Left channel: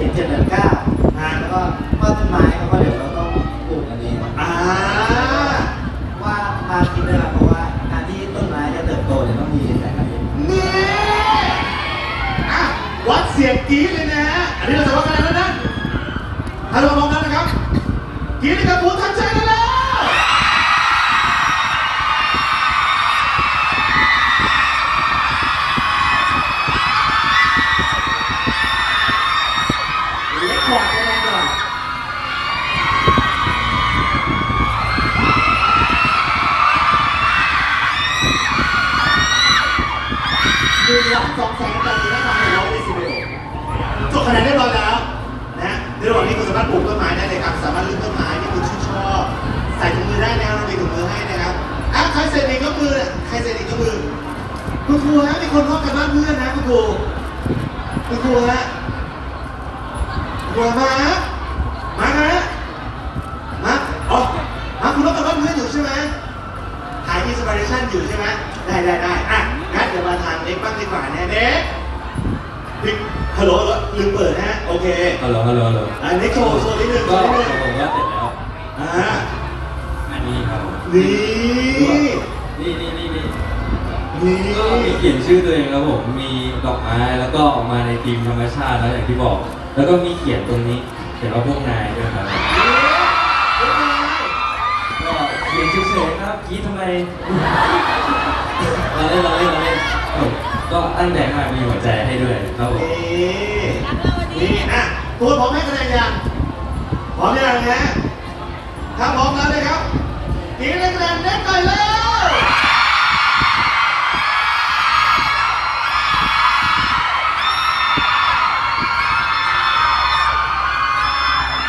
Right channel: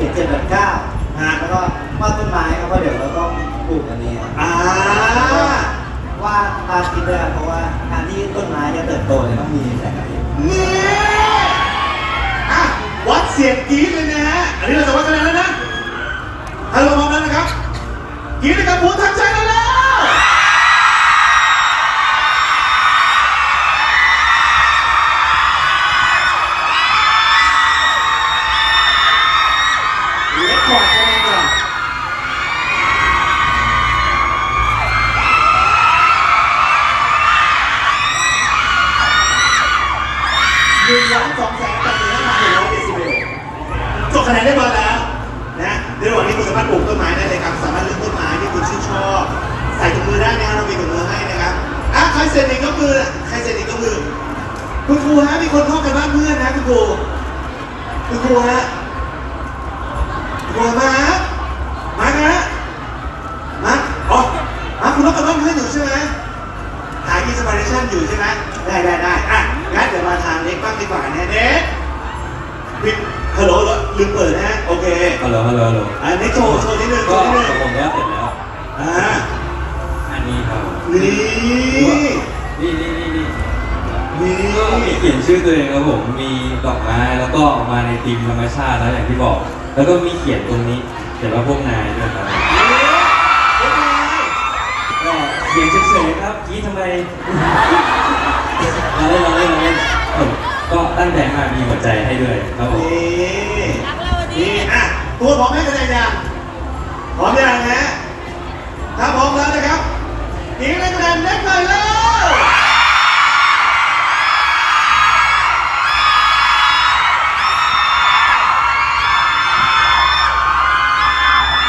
ขียนเจ็ดแปดเก้าฮะแล้วก็ต้นไม้แล้วก็เดี๋ยวเราต้องปลูกอันนี้อ่าวาตามคิดเลยครับเพราะว่าการที่ต้นไม้จะเติบโตเนี่ยต้องมีแสงอาทิตย์นี่อะวัดเสียงกรี๊ดเลยนะฮะอันนี้เราจะวัดคะแนนแล้วนะถ้าเราพร้อมแล้วนะครับกรี๊ดนะครับหมูทักใจ คะแนนเรียบร้อยแล้วนะในระหว่างนี้คุณสามารถปลูกต้นไม้ได้เลยครับ สามารถเลือกต้นไม้ที่คุณชื่นชอบ ใส่ถุงมือได้นะครับเรามีถุงมือให้นะครับอะใครเสร็จอีกก็คือใครเสร็จอีกก็คือ คุณครูฮะมีคนเข้ากันบ้านเพื่อนนะคุณครู คุณครูฮะคุณครูมาฮะมาฮะมาอ๋อมาคุณเข้ากันบ้านเพื่อนอยู่ใช่ไหมถ่ายที่สปาเรชั่นอยู่ใช่ไหมได้ได้ได้อะงั้นเดี๋ยวมาทางเล็กบ้างดีกว่าเนี่ยเด็กปิดฮัลโหลเหรอ ลืมเปิดนะฮะ โอเคฮัลโหลฮัลโหลฮัลโหลอะเล็กโชว์โชว์นิดนึงโชก็ว์นิดนึงผมก็เสร็จแล้ว อ่าอันนี้ครับนี่นี่นี่นี่นี่นี่ก็มีเขียนชื่อตัวเองครับผม มีดอกไม้แล้วก็มาในธีมธรรมชาตินะอย่างที่บอก แล้วก็มีเขียนตรงนี้ เขียนว่าพวกนายด้วยครับ ก็เขียนเฉยๆครับกรี้ทำไมเราเล่นเราเล่นเราเล่นผม ก็ตั้งใจมามีหัวใจให้ด้วยครับผมนี่นี่อะตัวพร้อมให้คะแนนยังพร้อมยังฮะถ้าพร้อมแล้วนะครับอีกหนึ่งคะแนนเล็กหน่อยแล้ว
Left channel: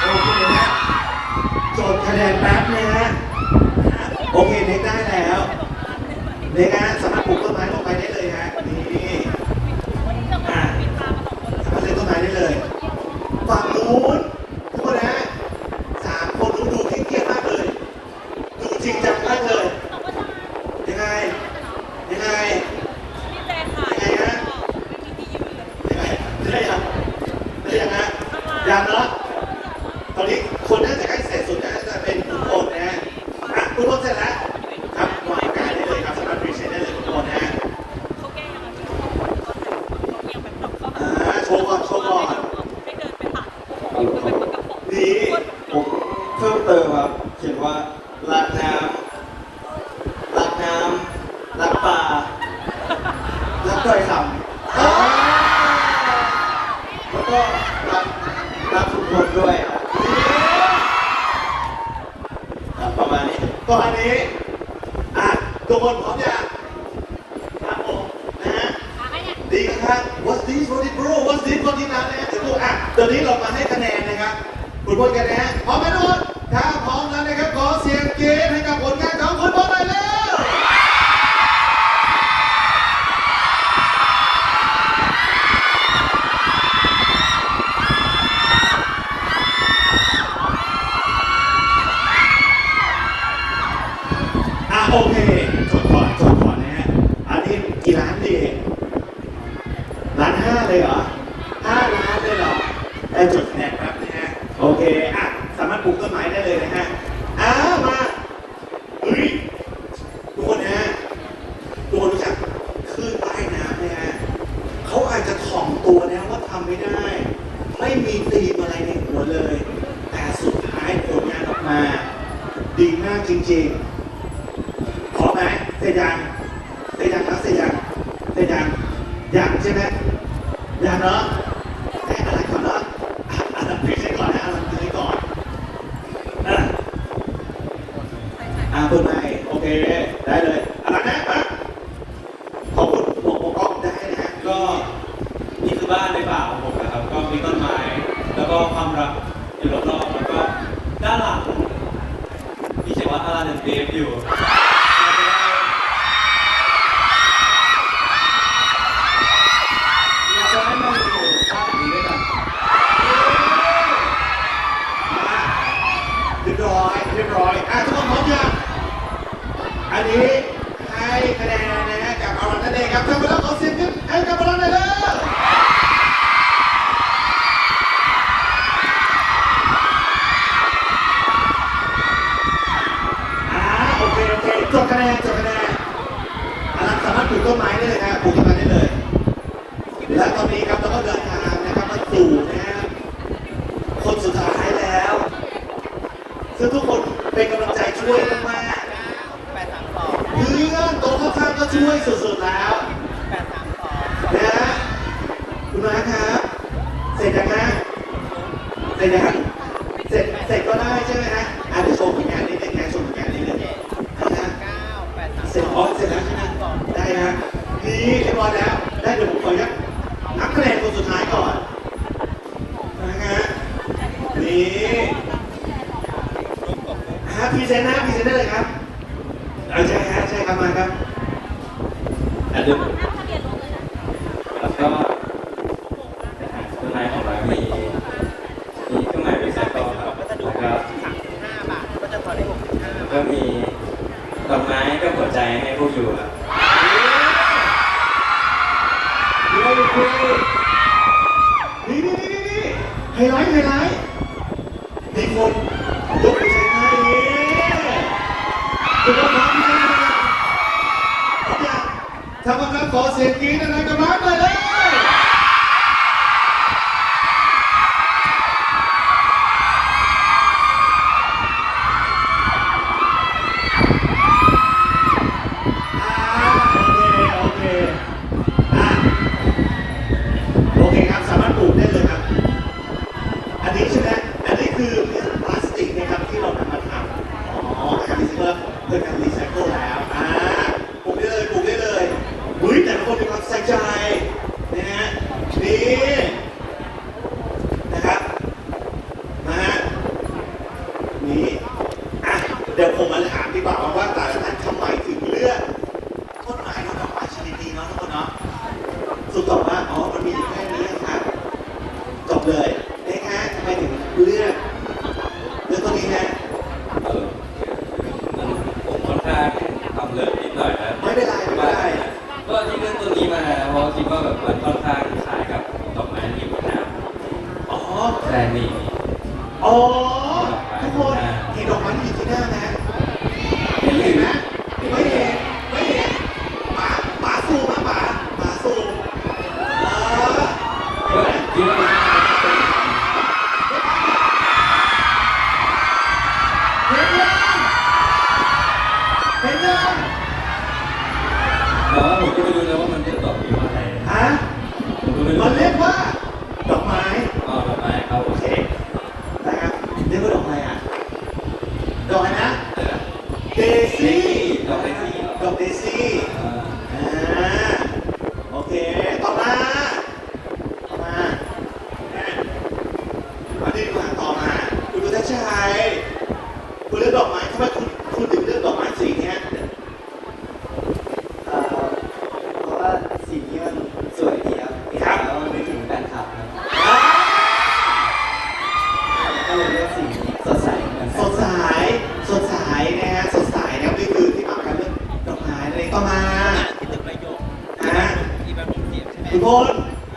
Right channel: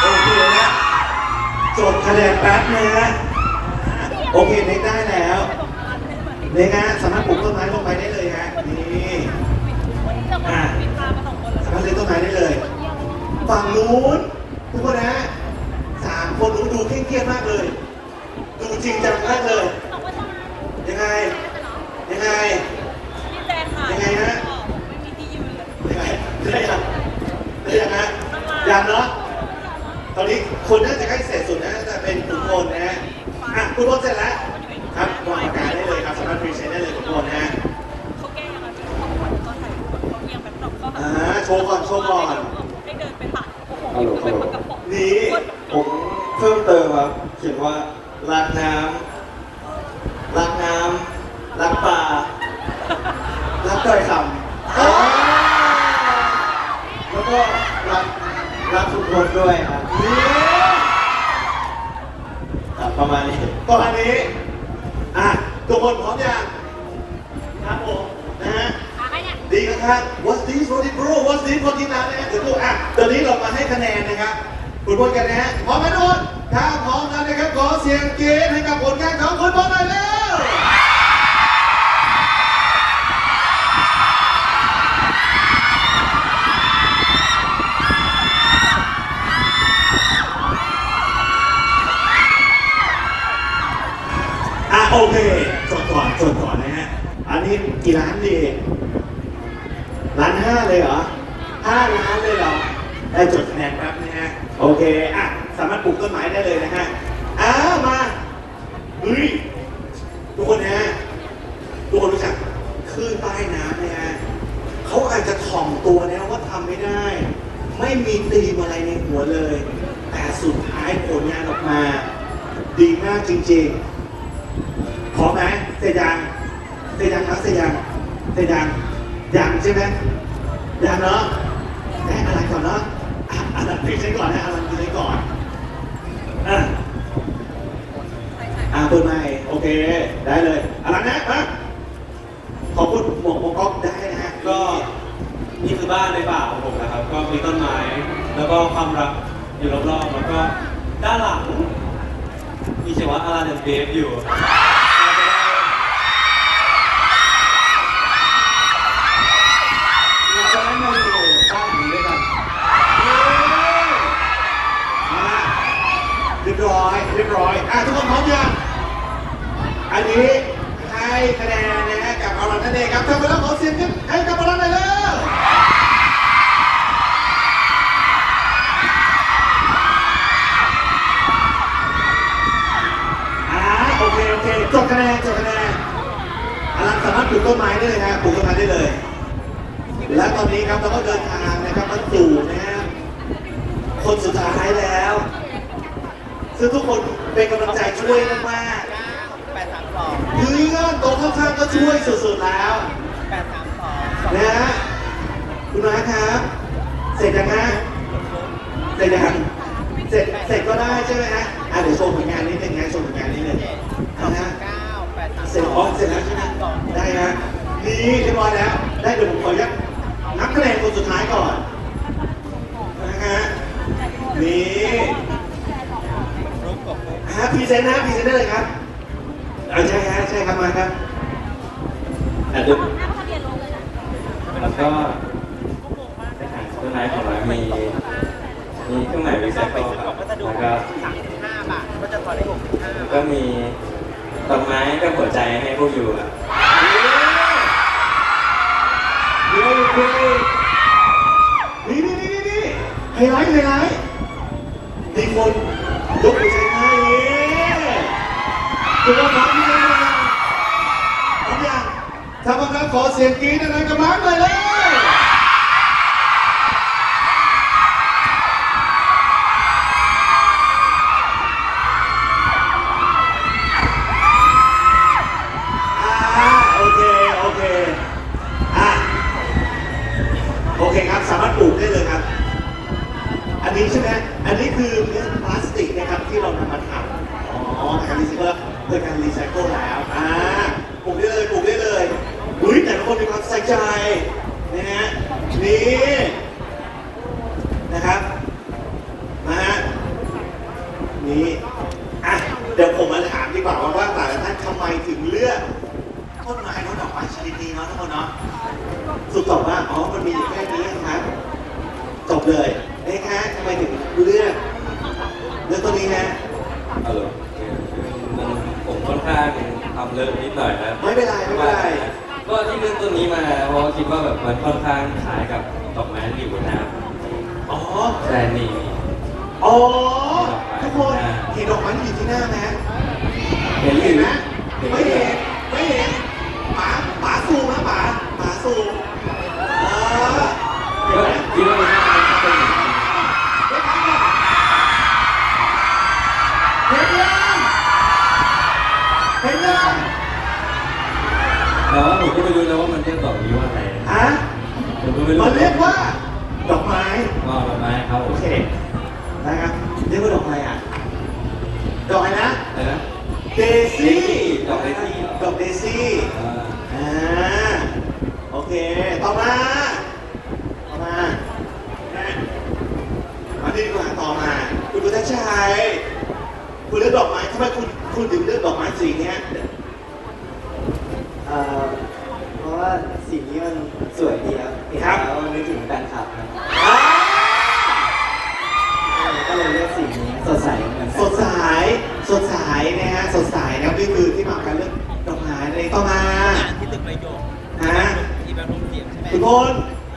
โอเคนะจดคะแนนแป๊บนะฮะโอเคเน็กได้แล้วเน็กฮะสามารถปลูกต้นไม้ลง ไปได้เลยฮะนี่อ่าสามารถเลี้ยงต้นไม้ได้เลย ฝั่งนู้นทุกคนนะสามคนนู้นดูเครียดๆมากเลย ดูจริงจังมากเลย ยังไง ยังไง ยังไงฮะยังไงได้ยังได้ยังฮะยังเนาะตอนนี้คนน่าจะใกล้เสร็จสุดนะน่าจะเป็นคุณพลนะฮะอะคุณพลเสร็จแล้วครับวางอากาศได้เลยครับสามารถพรีเซนต์ได้เลยคุณพลนะฮะอ่า โชว์ก่อนโชว์ก่อนฮัลโหลฮัลโหลนี่ผมเพิ่มเติมครับเขียนว่ารักน้ำรักน้ำรักป่ารักต้อยคำแล้วก็รักรักทุกคนด้วยครับครับประมาณนี้ ตอนนี้ อะทุกคนพร้อมยังครับผมนะฮะดีนะครับ What's this What's this bro What's this What's this นะนะฮะเดี๋ยวดูอะตอนนี้เรามาให้คะแนนนะครับคุณพลกันนะฮะพร้อมไหมทุกคนถ้าพร้อมแล้วนะครับขอเสียงเกณฑ์ให้กับผลงานของคุณพลหน่อยเร็ว อะโอเคจดก่อนจดก่อนนะฮะ อันนี้กี่ล้านดีล้านห้าเลยเหรอห้าล้านเลยเหรอได้จดคะแนนแป๊บนะฮะ โอเค อะ สามารถปลูกต้นไม้ได้เลยนะฮะอ่ามาเฮ้ยทุกคนนะฮะทุกคนรู้จักคลื่นใต้น้ำนะฮะเขาอาจจะถ่อมตัวนะว่าทำไม่ได้ ไม่มีตีมอะไรในหัวเลย แต่สุดท้ายผลงานออกมา ดีมากจริงๆ ขอไหมเสร็จยังเสร็จยังครับเสร็จยังเสร็จยังยังใช่ไหมยังเนาะแม่อะไรก่อนเนาะอะอันนั้นคุยใช้ก่อนนะอันนั้นคุยใช้ก่อนอะอะเปิดใหม่โอเคได้เลยอะไรนะอะขอบคุณหมวกหมวกก๊อกได้นะฮะก็นี่คือบ้านในป่าของผมนะครับ ก็มีต้นไม้แล้วก็ความรักอยู่รอบๆแล้วก็ด้านหลังมีเขียนว่าอารันเดฟอยู่ อันนี้ให้คะแนนนะฮะกับเอาลนั่นเองครับเทวดาขอเสียงนิดให้กับอาลนหน่อยเด้อโอเคโอเคจบคะแนนจบคะแนนอารันสามารถปลูกต้นไม้ได้เลยครับปลูกต้นไม้ได้เลย และตอนนี้ครับเราก็เดินทางนะครับมาสู่นะฮะคนสุดท้ายแล้วคือทุกคนเป็นกำลังใจช่วยมาก ถืองเพื่อตรงข้างก็ช่วยสุดๆแล้วนะฮะคุณมาครับ เสร็จยังฮะเสร็จยังเสร็จเสร็จก็ได้ใช่ไหมฮะอะเดี๋ยวโชว์ผลงานนิดนึงนะโชว์ผลงานนิดนึงนะฮะ เก้าแปดสาม เสร็จอ๋อเสร็จแล้วใช่ไหมได้ฮะนี่เรียบร้อยแล้ว ได้เดี๋ยวผมขออนุญาตนับคะแนนคนสุดท้ายก่อนนะฮะนี่ฮะพรีเซนต์นะพรีเซนต์ได้เลยครับเอาใช่ฮะใช่ครับมาครับ แต่เดิมแล้วก็สุดท้ายของร้านมีมีเครื่องหมายรีไซเคิลครับ ก็จะดู แล้วก็ สามสิบห้าบาทก็จะพอได้ห ก็มีดอกไม้กับหัวใจให้พวกอยู่ครับเดี๋ยนี่นี่นี่นี่นี่ไฮไลท์ไฮไลท์มีคนยกไปใช้ให้คุณต้องทำที่ไหนกันทุกอย่างทำกันขอเสียงกรี๊ดอะไรกันมาหน่อยเลยอ่าโอเค โอเค อะ โอเคครับ สามารถปลูกได้เลยครับ อันนี้ใช่ไหมอันนี้คือพลาสติกนะครับที่เรานำมาทำอ๋อนะครับนี่คือว่าเพื่อการรีไซเคิลแล้ว อ่า ปลูกได้เลย ปลูกได้เลยอุ้ยแต่ละคนมีความใส่ใจนะฮะ นี่ นะครับ มาฮะ นี่ อะ เดี๋ยวผมมาถามดีกว่าว่าแต่ละท่านทำไมถึงเลือกต้นไม้และดอกไม้ชนิดนี้เนาะทุกคนเนาะสุดตอบว่าอ๋อมันมีอยู่แค่นี้ครับจบเลยนะฮะทำไมถึงเลือกเลือกตัวนี้ฮะเอาเลยมันผมค่อนข้างทำเลิฟนิดหน่อยนะไม่เป็นไรไม่เป็นไรก็ที่เลือกตัวนี้มาเพราะคิดว่าแบบ คุณพล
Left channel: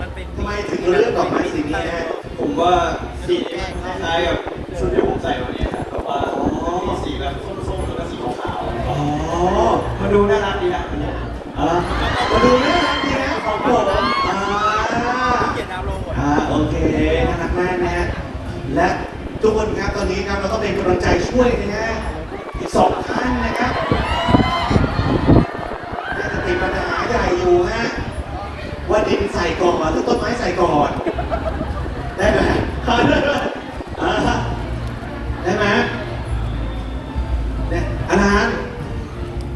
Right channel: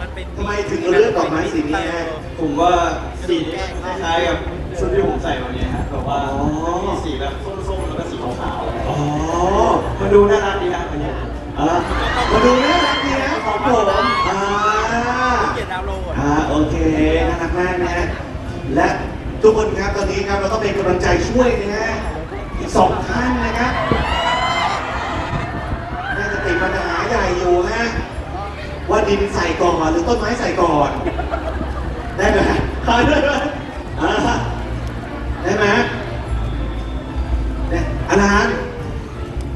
มันเป็นทำไมถึงเลือกดอกไม้สีนี้ฮะผมว่าสีนี้คล้ายๆกับชุดที่ผมใส่วันนี้นะแบบว่าอ๋อมีสีแบบส้มๆแล้วก็สีขาวๆอ๋อมันดูน่ารักดีนะอันนี้เออมาดูน่ารักดีนะของผมอ่าเกียรติดาวน์โหลดอ่าโอเคน่ารักมากนะฮะและทุกคนครับตอนนี้ครับเราต้องเป็นกำลังใจช่วยนะฮะอีกสองท่านนะครับน่าจะติดปัญหาใหญ่อยู่ฮะว่า ดินใส่ก่อนหรือต้นไม้ใส่ก่อนได้ไหมได้ไหมอ่าได้ไหมเนี่ยอาจารย์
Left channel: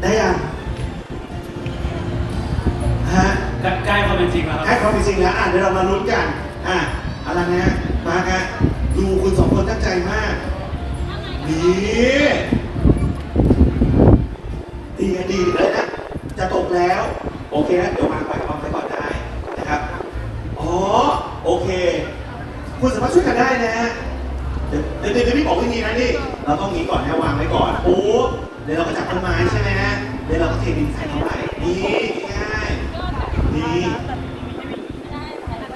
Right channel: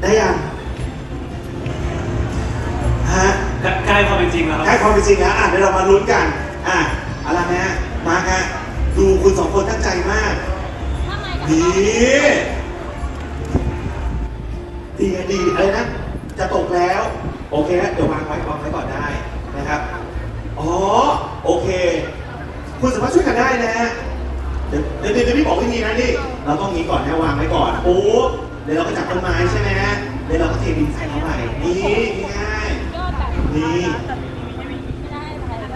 ได้ยังฮะใกล้ความเป็นจริงแล้วคให้รับความเป็นจริงแล้วอะเดี๋ยวเรามาลุ้นกันอะอะไรนะมาฮะดูคุณสองคนตั้งใจมากนี่ดีไงดีเลยนะจะตกแล้ว โอเคนะเดี๋ยววางไว้วางไว้ก่อนได้นะ ครับ อ๋อ โอเค คุณสามารถช่วยกันได้นะฮะเดี๋ยวเดี๋ยวพี่บอกวิธีนะนี่ เราต้องงี้ก่อนนะวางไว้ก่อนโอ้เดี๋ยวเราก็จับต้นไม้ใช่ไหมฮะเดี๋ยวเราก็เทดินใส่เข้าไปนี่ง่ายนี่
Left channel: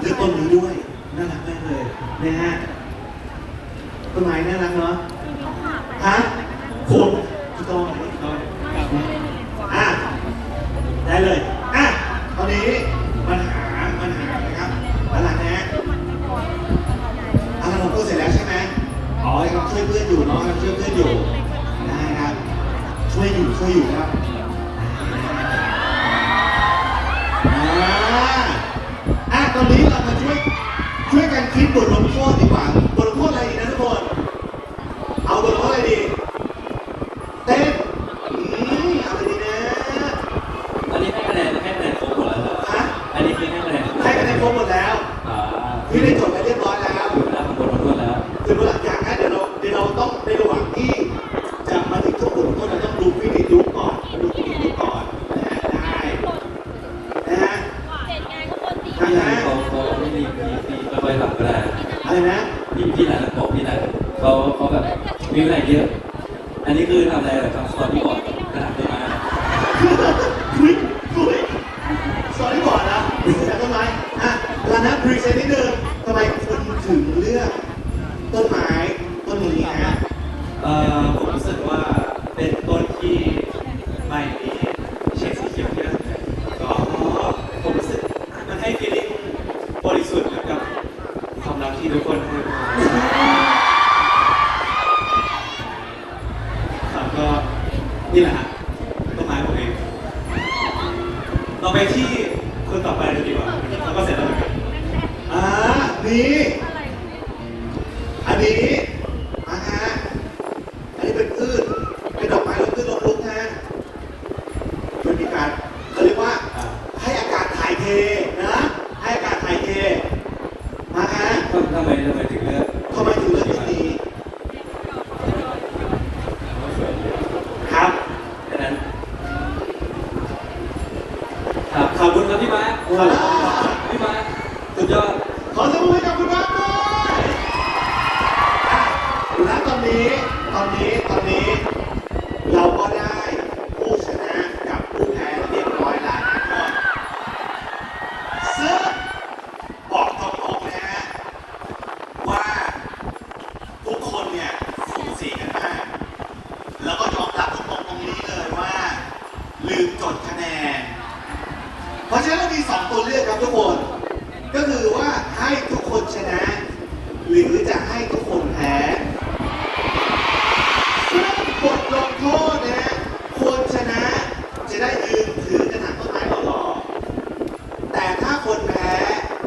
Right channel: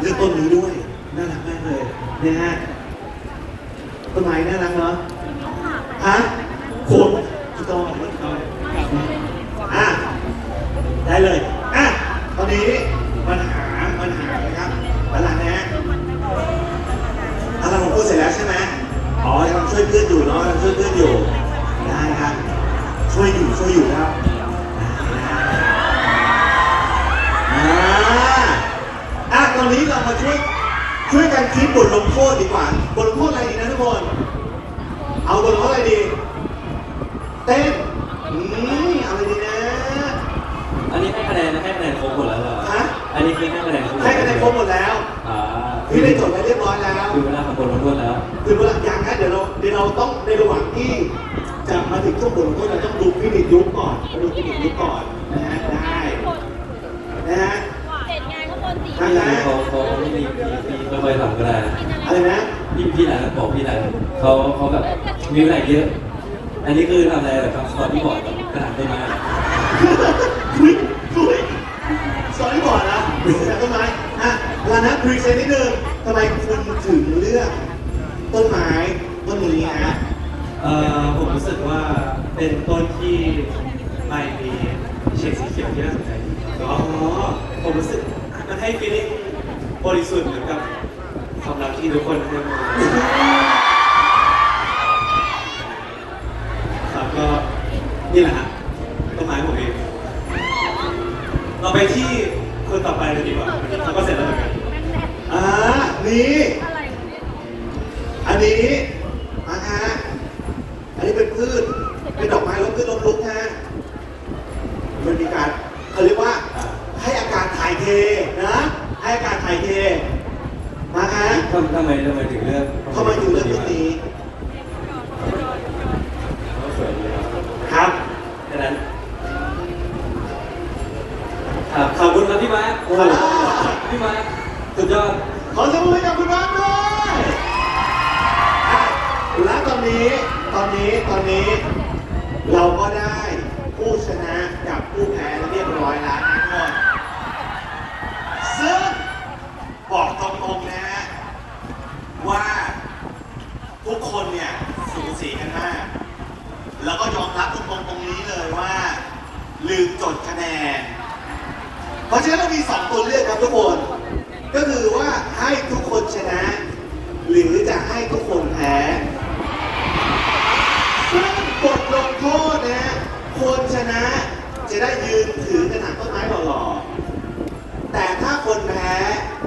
เลือกต้นนี้ด้วยน่ารักมากเลยนะฮะต้นไม้น่ารักเนาะฮะโคนถูกต้องอะได้เลยอะตอนนี้ แบบมีอะไรเยอะ อันนี้คือทำอะไรแบบคอร์ดที่บอร์ดกับกระถางต้นไม้เหรอคุยคุยสอนที่ก่อนแล้วแต่ต้นไม้อะลานะพรีเซนต์นิดนึงทำไมคุณถึงเลือกต้นไม้ต้นนี้ฮะเอ่อผมรู้สึกว่าเป็นต้นที่ เราไปที่คนต่อไปเลยดีกว่าแล้วก็เสร็จแล้วเหมือนกันอ่านี่ อันนี้มาฮะ อันนี้เป็นพืช เป็นดอกไม้แล้วพืชลมลุกฮะมันมีการเขาเรียกว่า ให้อากาศถ่ายเทนะ ให้อากาศถ่ายเท มาฮะ ทำทำไมทำไมถึงเลือก ทำไมถึงเลือกต้นนี้ เขาสวยดีครับ ครับ แค่นั้นครับ ขอบคุณครับพี่มาร์คครับพี่มาร์คสุดยอดขอเสียงปรบมือให้กับคุณรักด้วยอะและตอนนี้ตอนนี้ตอนนี้ เราก็ได้ผู้ชนะกับผู้แพ้เรียบร้อยแล้วนะทุกคนซึ่งบอกตรงๆนะฮะว่าทุกคนเนี่ยสูสีกันมากแล้วก็ยอมรับตรงๆตรงนี้เลยว่า ลืมจดคะแนน เพราะฉะนั้นเรามีสองตัวเลือกครับทุกคน ก็คือว่าให้ทุกคนชนะ หรือจะให้ทุกคนแพ้ซึ่งบทลงโทษนะฮะคนชนะจะได้ยืนถือกระถางต้นไม้หล่อๆแต่ถ้าคนแพ้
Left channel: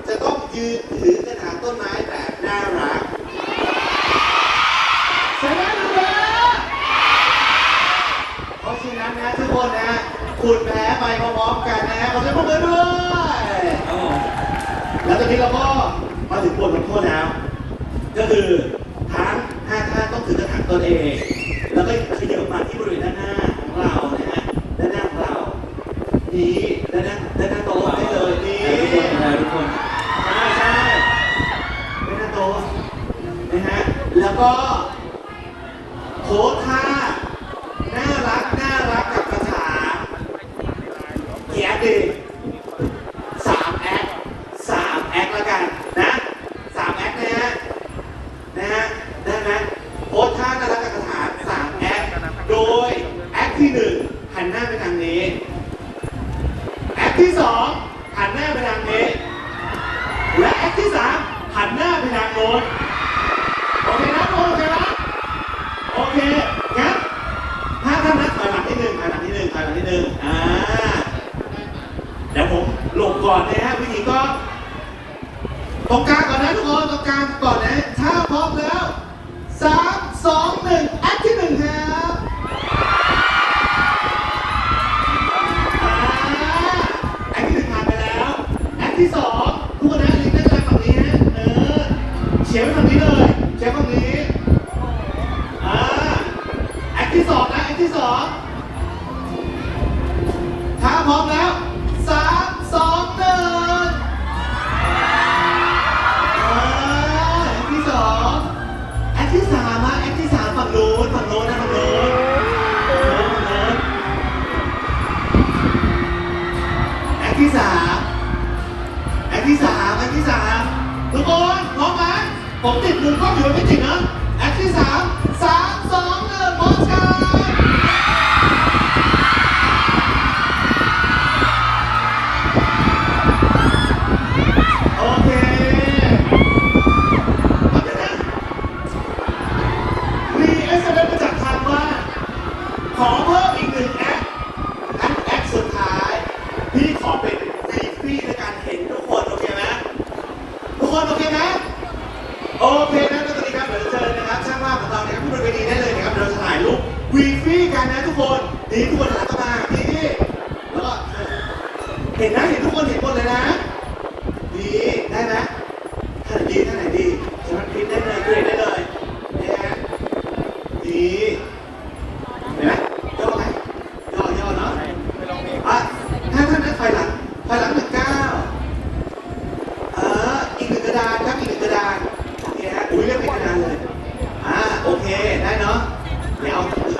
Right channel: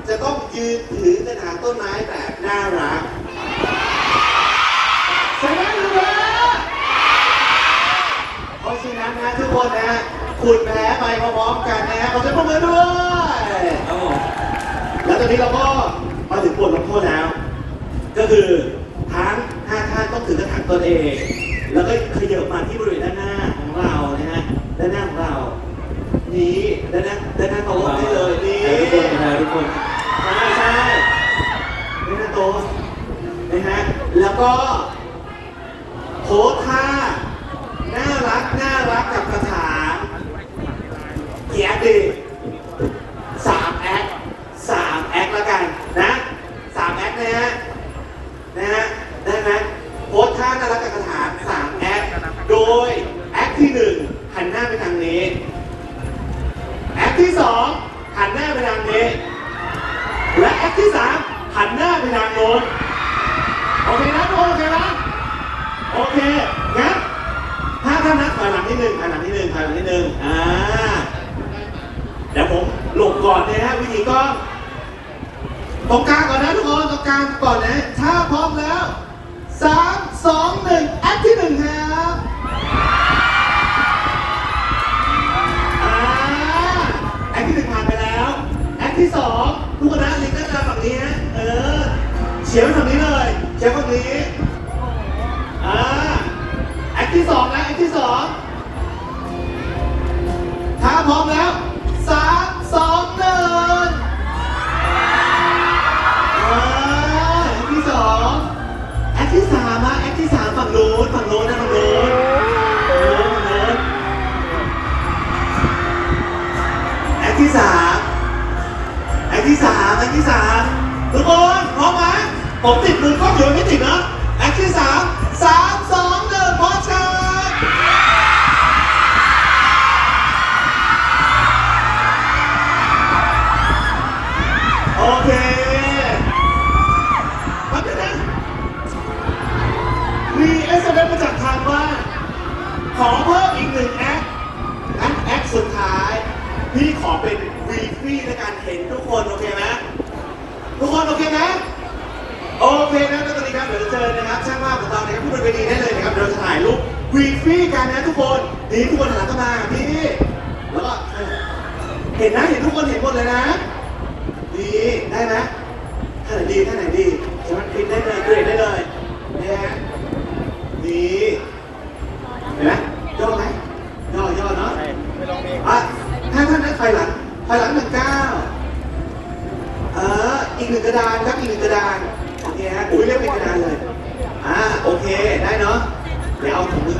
จะต้องยืนถือกระถางต้นไม้แบบน่ารักชนะหรือแพ้เพราะฉะนั้นนะทุกคนนะคุณแพ้ไปพร้อมๆกันนะขอเสียงปรบมือด้วย ครับผม แล้วตอนนี้เราก็มาถึงบทลงโทษแล้ว ก็คือทั้งห้าท่านต้องถือกระถางตนเอง แล้วก็ขยับมาที่บริเวณด้านหน้าของเรานะฮะด้านหน้าของเรา นี่ด้านหน้าด้านหน้าโต๊ะได้เลยนี่ให้ทุกคนให้ทุกคนใช่ใช่ด้านหน้าโต๊ะนะฮะแล้วก็โพสท่าน่ารักน่ารักกับกระถางเกียรติสามแอคสามแอคแล้วกันนะสามแอคนะฮะ นะฮะ ได้ไหมโพสท่าน่ารักกับกระถางสามแอค โดยแอคที่หนึ่งหันหน้าไปทางนี้ แอคที่สองหันหน้าไปทางนี้ และแอคที่สามหันหน้าไปทางโน้นโอเคนะทุกคนโอเคไหมโอเคงั้นถ้าท่านนัดถอยหลังนิดนึงถอยหลังนิดนึงถอยหลังนิดนึงอ่าเดี๋ยวผมหลบ ก่อนนะฮะวิธีก็ตรงกลางก่อนนะทุกคนตรงกลางก่อนนะถ้าพร้อมแล้วสามสองหนึ่งแอคที่หนึ่งครับอ่าแอคที่หนึ่งผ่านไปแล้วแอคที่สองทุกคนนะลิงก์ด้านกลางฝั่งนี้ฮะเออเฉียงไปฝั่งนี้เลยเฉียงฝั่งนี้อ่าแอคที่สองนะแอคที่สองถ้าพร้อมแล้ว นี่ทุกคนหันเข้ามานี่แล้วก็เห็นนะเห็นทุกคนเห็นหมดเลยนะดีได้ไหมท่าไหนดีท่าไหนดีสามารถคลิปได้เลยเกรดได้เลยนี่ฮะดีเห็นไหมย่อไหมย่อย่อเนาะไปลองเองอะถ้าท่านนั้นถอยหลังถอยหลังหนึ่งเก้าเอออีกหนึ่งกระดานครับอีกหนึ่งกระดานโอเคฮะอุ้ยเล่นเป็นกระดานเลยอ่าโอเคได้เนาะเดี๋ยวเอาถุงมื